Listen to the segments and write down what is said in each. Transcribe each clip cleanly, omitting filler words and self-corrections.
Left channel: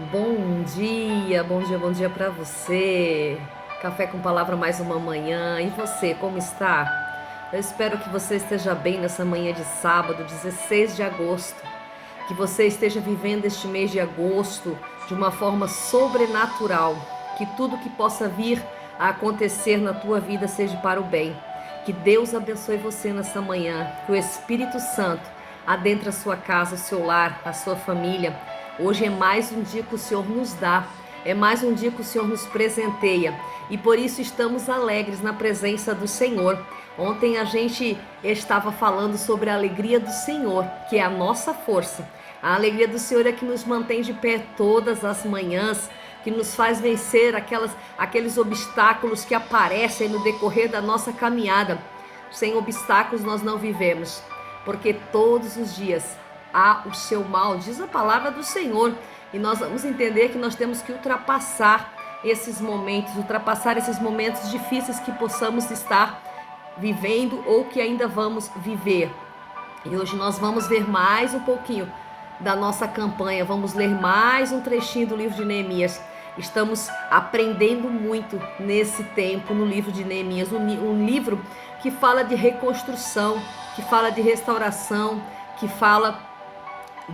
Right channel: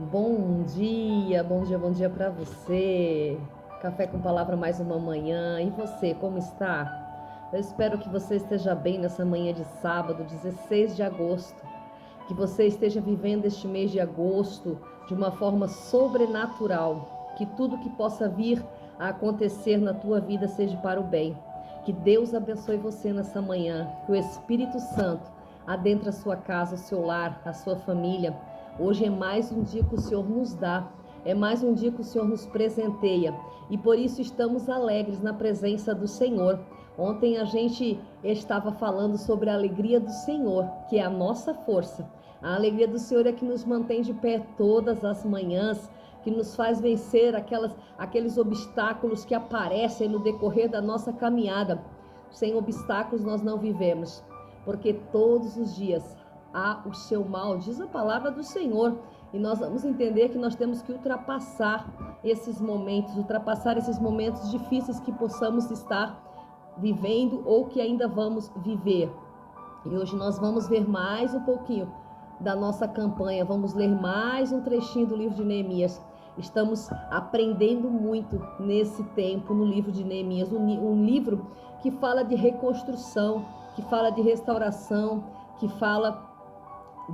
Bom dia para você. Café com palavra mais uma manhã. E você, como está? Eu espero que você esteja bem nessa manhã de sábado, 16 de agosto. Que você esteja vivendo este mês de agosto de uma forma sobrenatural. Que tudo que possa vir a acontecer na tua vida seja para o bem. Que Deus abençoe você nessa manhã. Que o Espírito Santo adentre a sua casa, o seu lar, a sua família. Hoje é mais um dia que o Senhor nos dá, é mais um dia que o Senhor nos presenteia e por isso estamos alegres na presença do Senhor. Ontem a gente estava falando sobre a alegria do Senhor, que é a nossa força. A alegria do Senhor é que nos mantém de pé todas as manhãs, que nos faz vencer aqueles obstáculos que aparecem no decorrer da nossa caminhada. Sem obstáculos nós não vivemos, porque todos os dias há o seu mal, diz a palavra do Senhor, e nós vamos entender que nós temos que ultrapassar esses momentos difíceis que possamos estar vivendo ou que ainda vamos viver. E hoje nós vamos ver mais um pouquinho da nossa campanha, vamos ler mais um trechinho do livro de Neemias. Estamos aprendendo muito nesse tempo no livro de Neemias, um livro que fala de reconstrução, que fala de restauração, que fala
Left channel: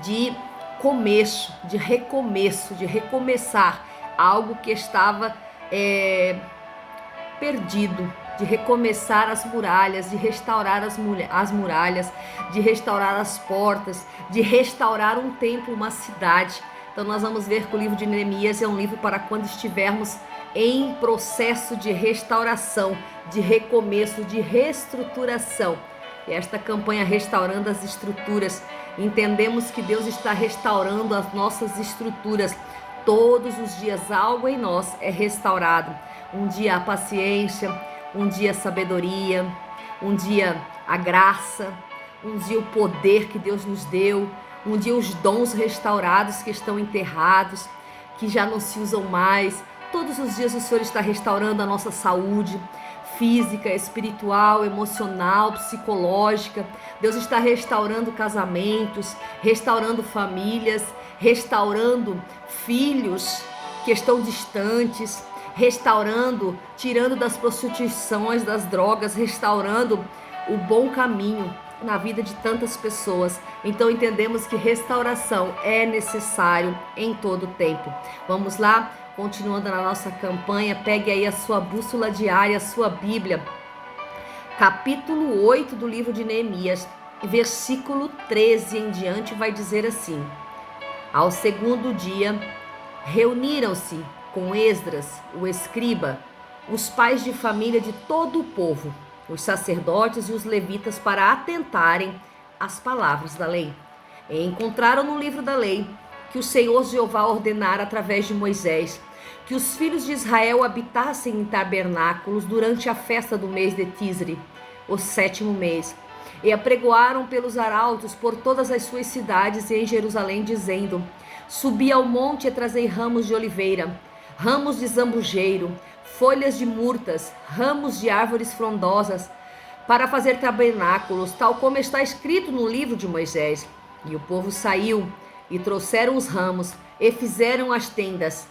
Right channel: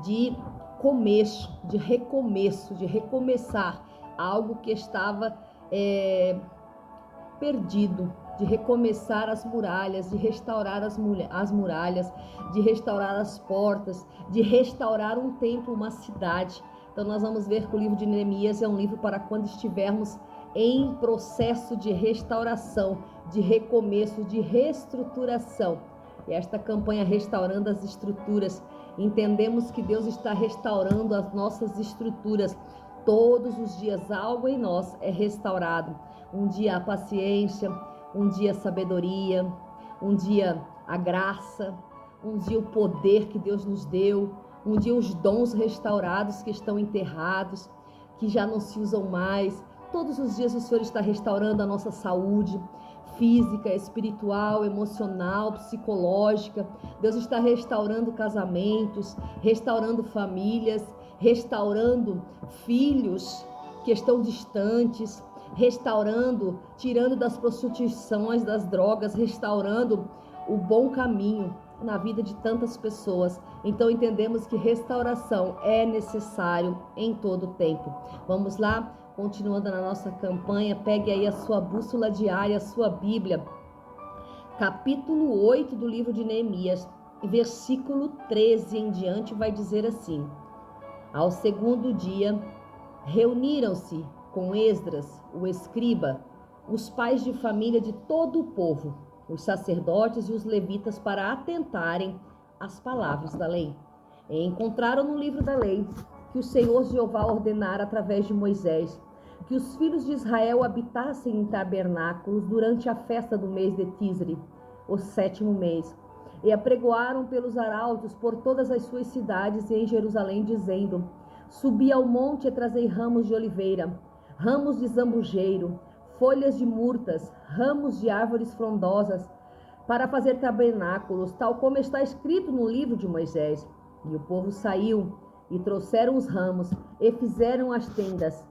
de começo, de recomeço, de recomeçar algo que estava perdido, de recomeçar as muralhas, de restaurar as muralhas, de restaurar as portas, de restaurar um templo, uma cidade. Então nós vamos ver que o livro de Neemias é um livro para quando estivermos em processo de restauração, de recomeço, de reestruturação. E esta campanha Restaurando as Estruturas, entendemos que Deus está restaurando as nossas estruturas. Todos os dias algo em nós é restaurado. Um dia a paciência, um dia a sabedoria, um dia a graça, um dia o poder que Deus nos deu, um dia os dons restaurados que estão enterrados, que já não se usam mais. Todos os dias o Senhor está restaurando a nossa saúde física, espiritual, emocional, psicológica. Deus está restaurando casamentos, restaurando famílias, restaurando filhos que estão distantes, restaurando, tirando das prostituições, das drogas, restaurando o bom caminho na vida de tantas pessoas. Então entendemos que restauração é necessário em todo o tempo. Vamos lá? Continuando na nossa campanha, pegue aí a sua bússola diária, a sua Bíblia, capítulo 8 do livro de Neemias, versículo 13 em diante, vai dizer assim: Ao segundo dia, reuniram-se com Esdras, o escriba, os pais de família de todo o povo, os sacerdotes e os levitas, para atentarem às palavras da lei. E encontraram no livro da lei que o Senhor Jeová ordenara através de Moisés que os filhos de Israel habitassem em tabernáculos durante a festa do mês de Tisri, o 7º mês, e apregoaram pelos arautos por todas as suas cidades e em Jerusalém, dizendo: Subi ao monte e trazei ramos de oliveira, ramos de zambujeiro, folhas de murtas, ramos de árvores frondosas, para fazer tabernáculos, tal como está escrito no livro de Moisés. E o povo saiu e trouxeram os ramos e fizeram as tendas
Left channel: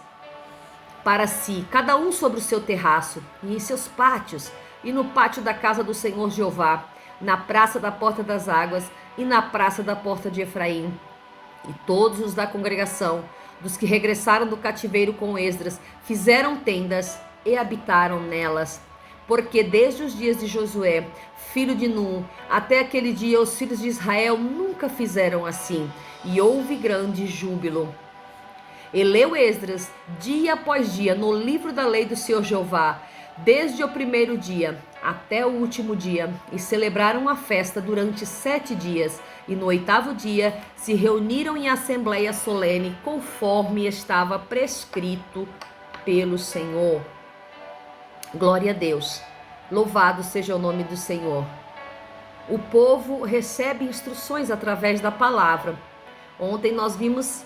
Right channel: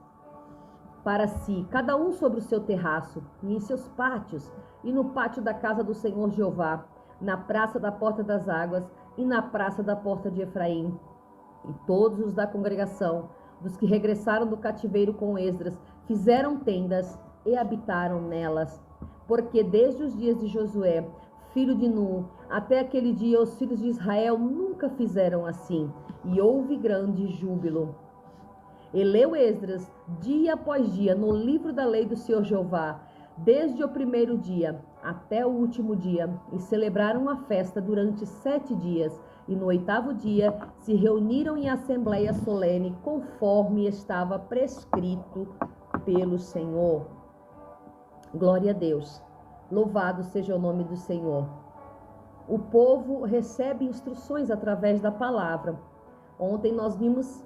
para si, cada um sobre o seu terraço, e em seus pátios, e no pátio da casa do Senhor Jeová, na praça da porta das águas, e na praça da porta de Efraim. E todos os da congregação, dos que regressaram do cativeiro com Esdras, fizeram tendas e habitaram nelas. Porque desde os dias de Josué, filho de Nun, até aquele dia os filhos de Israel nunca fizeram assim, e houve grande júbilo. E leu Esdras, dia após dia, no livro da lei do Senhor Jeová, desde o primeiro dia até o último dia, e celebraram a festa durante 7 dias, e no 8º dia se reuniram em assembleia solene, conforme estava prescrito pelo Senhor. Glória a Deus, louvado seja o nome do Senhor. O povo recebe instruções através da palavra. Ontem nós vimos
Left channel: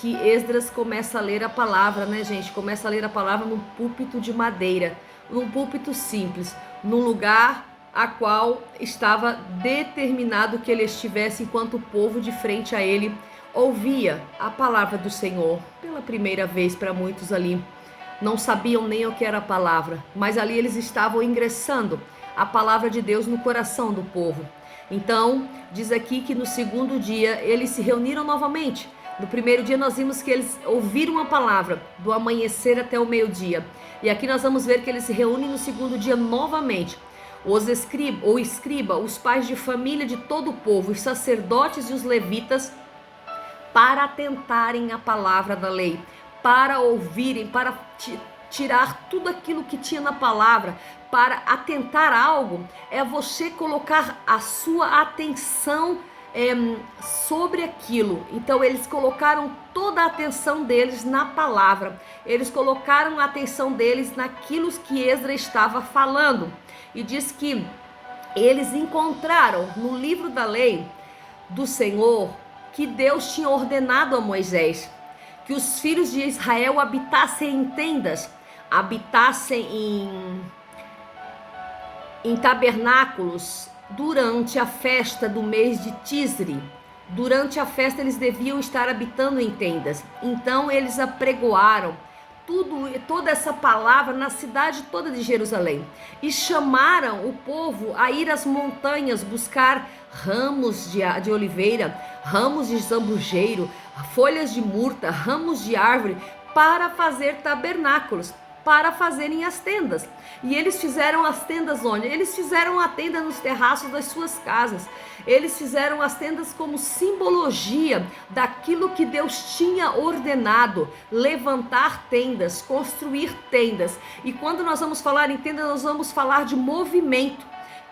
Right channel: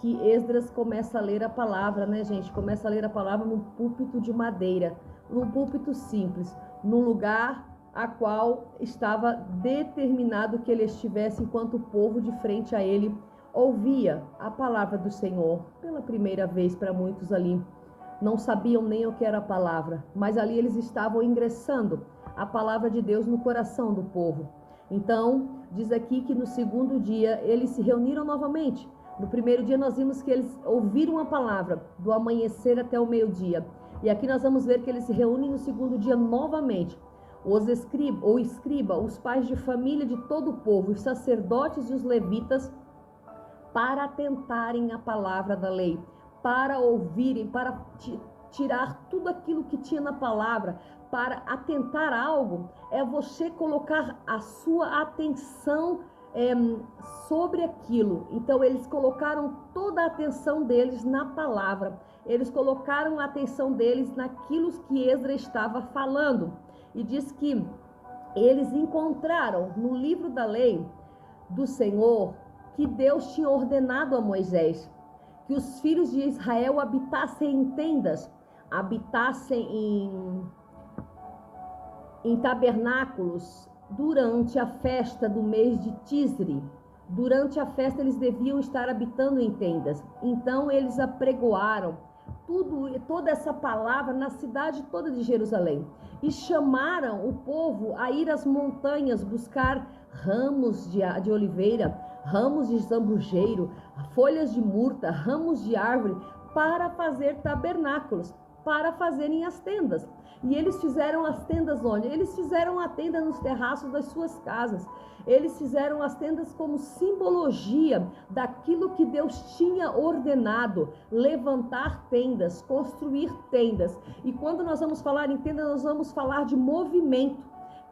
que Esdras começa a ler a palavra, né, gente? Começa a ler a palavra num púlpito de madeira, num púlpito simples, num lugar a qual estava determinado que ele estivesse enquanto o povo de frente a ele ouvia a palavra do Senhor pela primeira vez. Para muitos ali não sabiam nem o que era a palavra, mas ali eles estavam ingressando a palavra de Deus no coração do povo. Então diz aqui que no segundo dia eles se reuniram novamente. No primeiro dia nós vimos que eles ouviram a palavra do amanhecer até o meio-dia, e aqui nós vamos ver que eles se reúnem no segundo dia novamente. Os escriba, os pais de família de todo o povo, os sacerdotes e os levitas, para atentarem à palavra da lei, para ouvirem, para tirar tudo aquilo que tinha na palavra. Para atentar algo é você colocar a sua atenção sobre aquilo. Então eles colocaram toda a atenção deles na palavra, eles colocaram a atenção deles naquilo que Esdras estava falando. E diz que eles encontraram no livro da lei do Senhor que Deus tinha ordenado a Moisés que os filhos de Israel habitassem em tendas, habitassem em tabernáculos durante a festa do mês de Tisri. Durante a festa eles deviam estar habitando em tendas. Então eles apregoaram toda essa palavra na cidade toda de Jerusalém e chamaram o povo a ir às montanhas buscar ramos de oliveira, ramos de zambujeiro, folhas de murta, ramos de árvore, para fazer tabernáculos, para fazerem as tendas. E eles fizeram as tendas onde? Eles fizeram a tenda nos terraços das suas casas. Eles fizeram as tendas como simbologia daquilo que Deus tinha ordenado: levantar tendas, construir tendas. E quando nós vamos falar em tenda, nós vamos falar de movimento.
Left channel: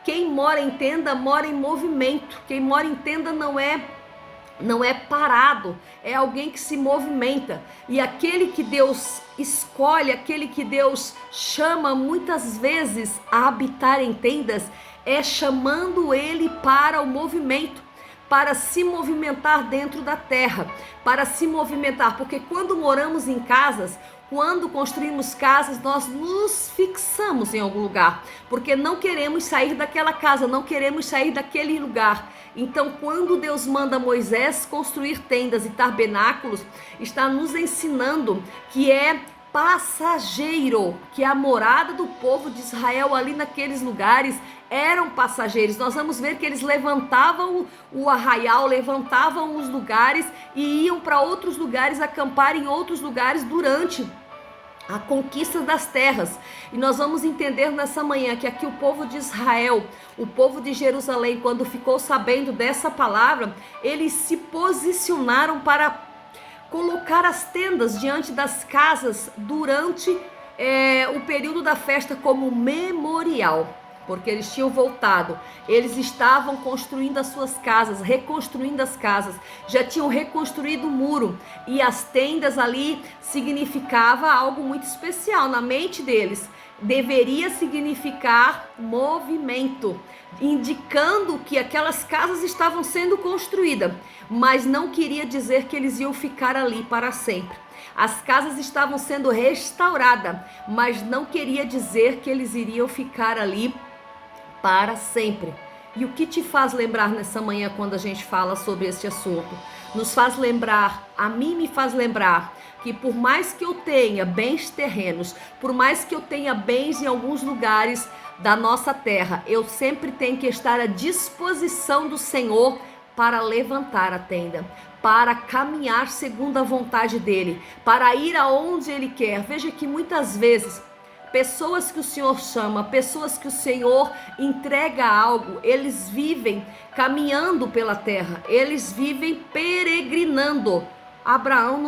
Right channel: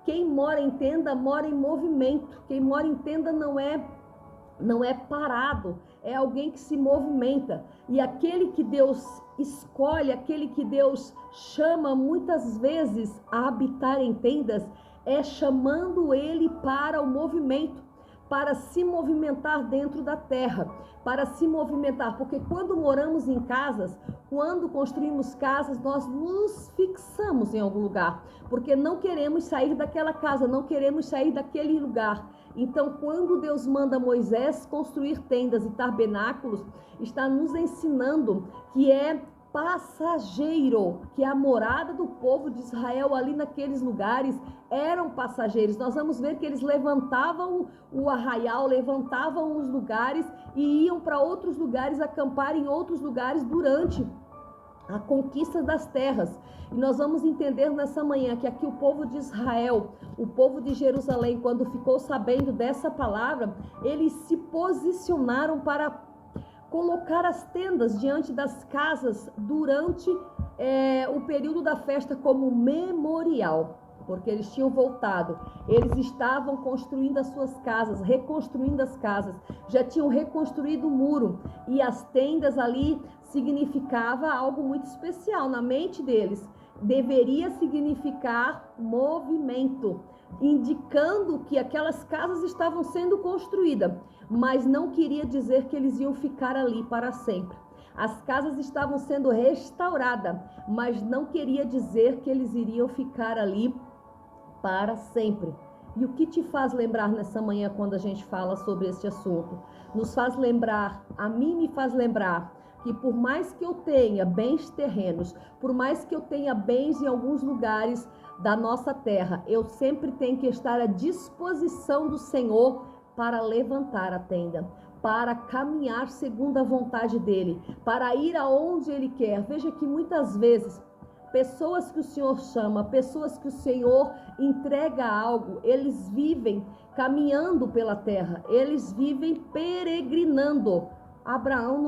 Quem mora em tenda mora em movimento. Quem mora em tenda não é parado, é alguém que se movimenta. E aquele que Deus escolhe, aquele que Deus chama muitas vezes a habitar em tendas, é chamando ele para o movimento, para se movimentar dentro da terra, para se movimentar, porque quando moramos em casas, quando construímos casas, nós nos fixamos em algum lugar, porque não queremos sair daquela casa, não queremos sair daquele lugar. Então, quando Deus manda Moisés construir tendas e tabernáculos, está nos ensinando que é passageiro, que a morada do povo de Israel ali naqueles lugares eram passageiros. Nós vamos ver que eles levantavam o arraial, levantavam os lugares e iam para outros lugares, acampar em outros lugares durante a conquista das terras. E nós vamos entender nessa manhã que aqui o povo de Israel, o povo de Jerusalém, quando ficou sabendo dessa palavra, eles se posicionaram para colocar as tendas diante das casas durante o período da festa como memorial, porque eles tinham voltado, eles estavam construindo as suas casas, reconstruindo as casas, já tinham reconstruído o muro, e as tendas ali significava algo muito especial na mente deles. Deveria significar movimento, indicando que aquelas casas estavam sendo construídas, mas não queria dizer que eles iam ficar ali para sempre. As casas estavam sendo restauradas, mas não queria dizer que eles iriam ficar ali para sempre. E o que te faz lembrar nessa manhã quando a gente fala sobre esse assunto? Nos faz lembrar, a mim me faz lembrar, que por mais que eu tenha bens terrenos, por mais que eu tenha bens em alguns lugares da nossa terra, eu sempre tenho que estar à disposição do Senhor para levantar a tenda, para caminhar segundo a vontade dele, para ir aonde ele quer. Veja que muitas vezes pessoas que o Senhor chama, pessoas que o Senhor entrega algo, eles vivem caminhando pela terra, eles vivem peregrinando. Abraão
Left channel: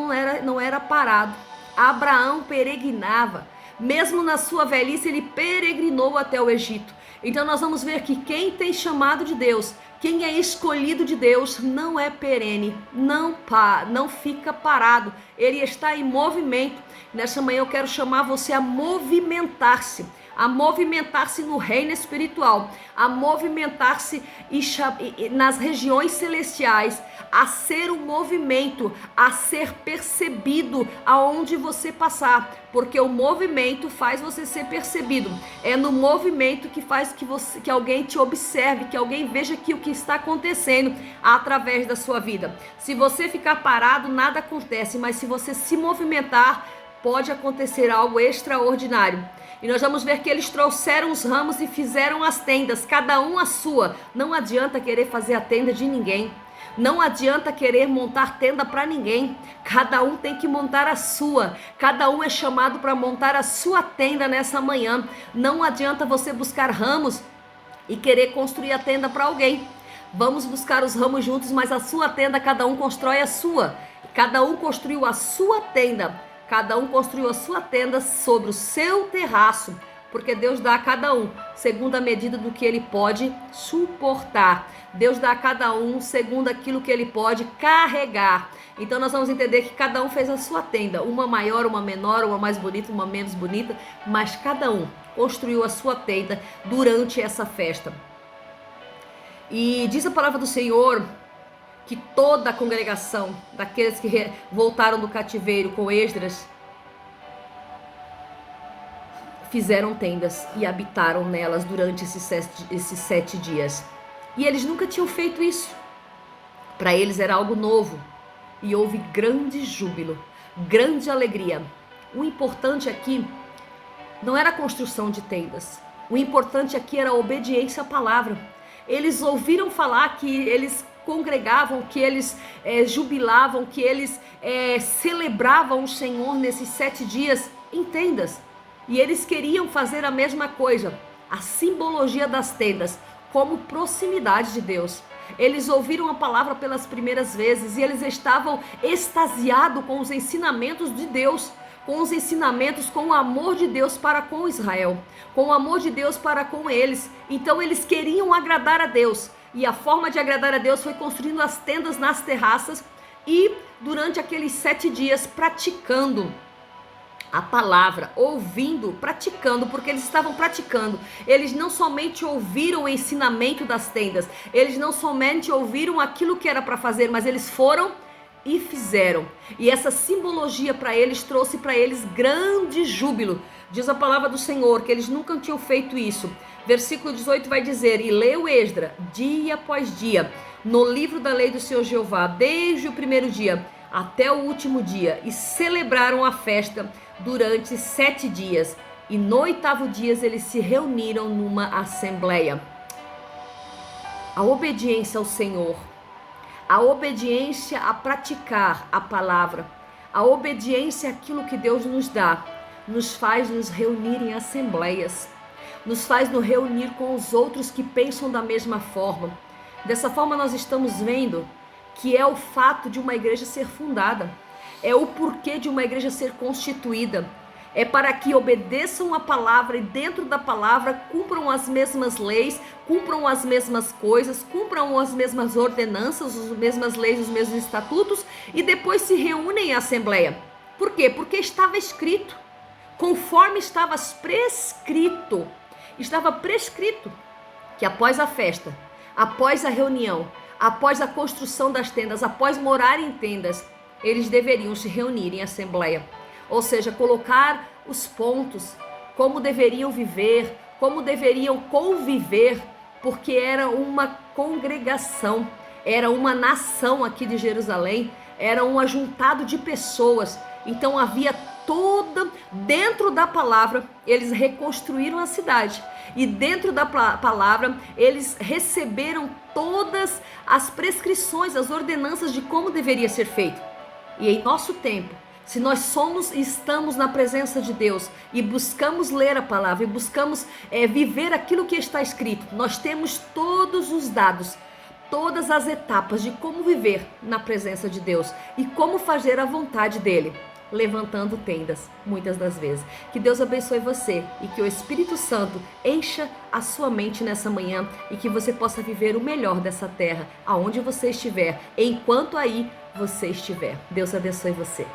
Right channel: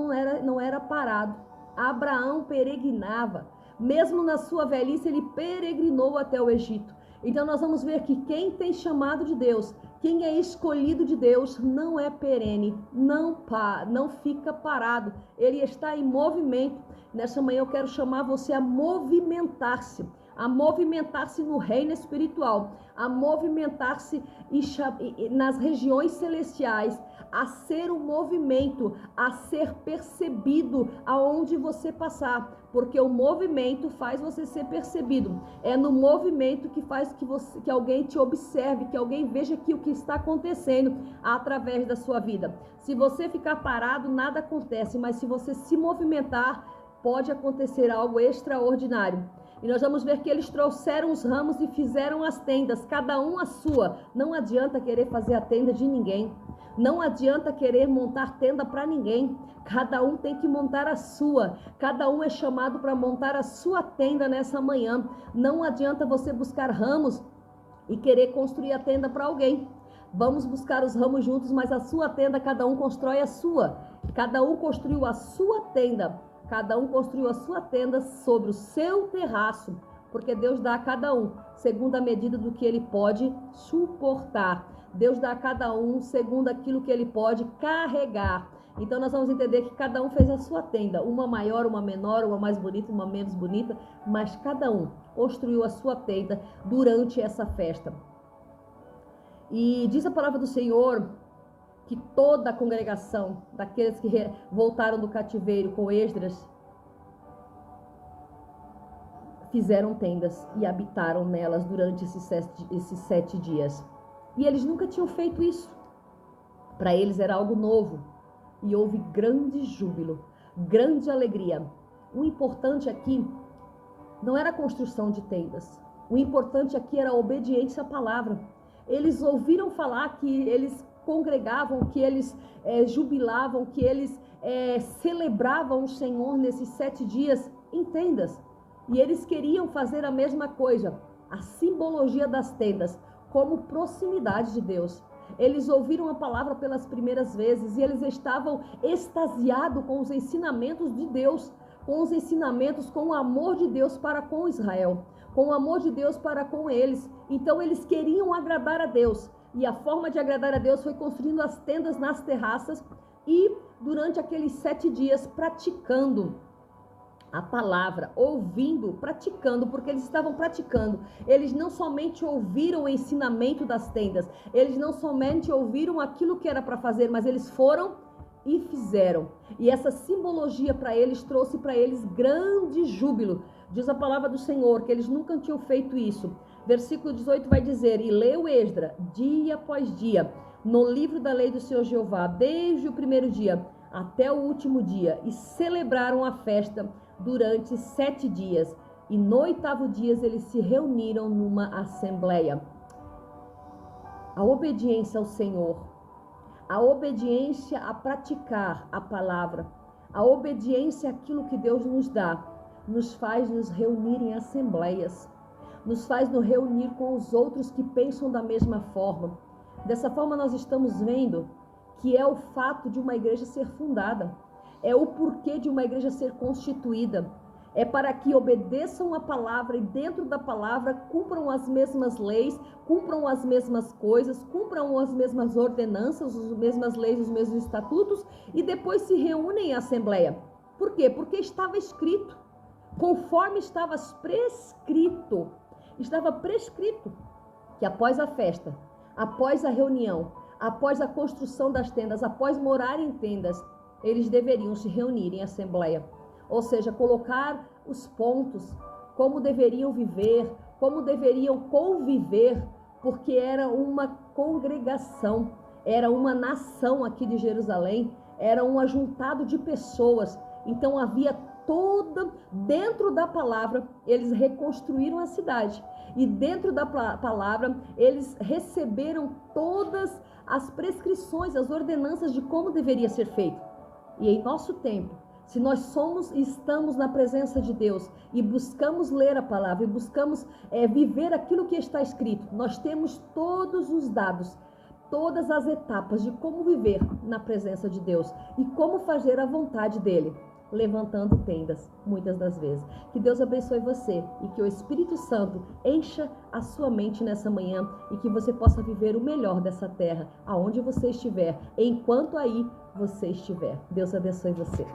não era parado, Abraão peregrinava, mesmo na sua velhice ele peregrinou até o Egito. Então nós vamos ver que quem tem chamado de Deus, quem é escolhido de Deus, não é perene, não fica parado, ele está em movimento. Nessa manhã eu quero chamar você a movimentar-se, a movimentar-se no reino espiritual, a movimentar-se nas regiões celestiais, a ser um movimento, a ser percebido aonde você passar, porque o movimento faz você ser percebido. É no movimento que faz que alguém te observe, que alguém veja que o que está acontecendo através da sua vida. Se você ficar parado, nada acontece, mas se você se movimentar, pode acontecer algo extraordinário. E nós vamos ver que eles trouxeram os ramos e fizeram as tendas, cada um a sua. Não adianta querer fazer a tenda de ninguém. Não adianta querer montar tenda para ninguém. Cada um tem que montar a sua. Cada um é chamado para montar a sua tenda nessa manhã. Não adianta você buscar ramos e querer construir a tenda para alguém. Vamos buscar os ramos juntos, mas a sua tenda, cada um constrói a sua. Cada um construiu a sua tenda. Cada um construiu a sua tenda sobre o seu terraço. Porque Deus dá a cada um segundo a medida do que ele pode suportar. Deus dá a cada um segundo aquilo que ele pode carregar. Então nós vamos entender que cada um fez a sua tenda, uma maior, uma menor, uma mais bonita, uma menos bonita, mas cada um construiu a sua tenda durante essa festa. E diz a palavra do Senhor que toda a congregação daqueles que voltaram do cativeiro com Esdras fizeram tendas e habitaram nelas durante esses 7 dias. E eles nunca tinham feito isso. Para eles era algo novo. E houve grande júbilo, grande alegria. O importante aqui não era a construção de tendas. O importante aqui era a obediência à palavra. Eles ouviram falar que eles congregavam, que eles jubilavam, que eles celebravam o Senhor nesses 7 dias em tendas. E eles queriam fazer a mesma coisa, a simbologia das tendas, como proximidade de Deus. Eles ouviram a palavra pelas primeiras vezes e eles estavam extasiados com os ensinamentos de Deus, com os ensinamentos, com o amor de Deus para com Israel, com o amor de Deus para com eles. Então eles queriam agradar a Deus e a forma de agradar a Deus foi construindo as tendas nas terraças e durante aqueles 7 dias praticando a palavra, ouvindo, praticando, porque eles estavam praticando. Eles não somente ouviram o ensinamento das tendas, eles não somente ouviram aquilo que era para fazer, mas eles foram e fizeram. E essa simbologia para eles trouxe para eles grande júbilo. Diz a palavra do Senhor que eles nunca tinham feito isso. Versículo 18 vai dizer: e leu Esdras dia após dia no livro da lei do Senhor Jeová, desde o primeiro dia até o último dia, e celebraram a festa durante 7 dias, e no 8º dia eles se reuniram numa assembleia. A obediência ao Senhor, a obediência a praticar a palavra, a obediência àquilo que Deus nos dá, nos faz nos reunir em assembleias, nos faz nos reunir com os outros que pensam da mesma forma. Dessa forma nós estamos vendo que é o fato de uma igreja ser fundada, é o porquê de uma igreja ser constituída, é para que obedeçam a palavra e dentro da palavra cumpram as mesmas leis, cumpram as mesmas coisas, cumpram as mesmas ordenanças, as mesmas leis, os mesmos estatutos e depois se reúnem em assembleia. Por quê? Porque estava escrito, conforme estava prescrito que após a festa, após a reunião, após a construção das tendas, após morar em tendas, eles deveriam se reunir em assembleia. Ou seja, colocar os pontos, como deveriam viver, como deveriam conviver, porque era uma congregação, era uma nação aqui de Jerusalém, era um ajuntado de pessoas. Então havia dentro da palavra, eles reconstruíram a cidade. E dentro da palavra, eles receberam todas as prescrições, as ordenanças de como deveria ser feito. E em nosso tempo, se nós estamos na presença de Deus e buscamos ler a palavra e buscamos viver aquilo que está escrito, nós temos todos os dados, todas as etapas de como viver na presença de Deus e como fazer a vontade dele, levantando tendas, muitas das vezes. Que Deus abençoe você e que o Espírito Santo encha a sua mente nessa manhã e que você possa viver o melhor dessa terra, aonde você estiver, enquanto aí você estiver. Deus abençoe você.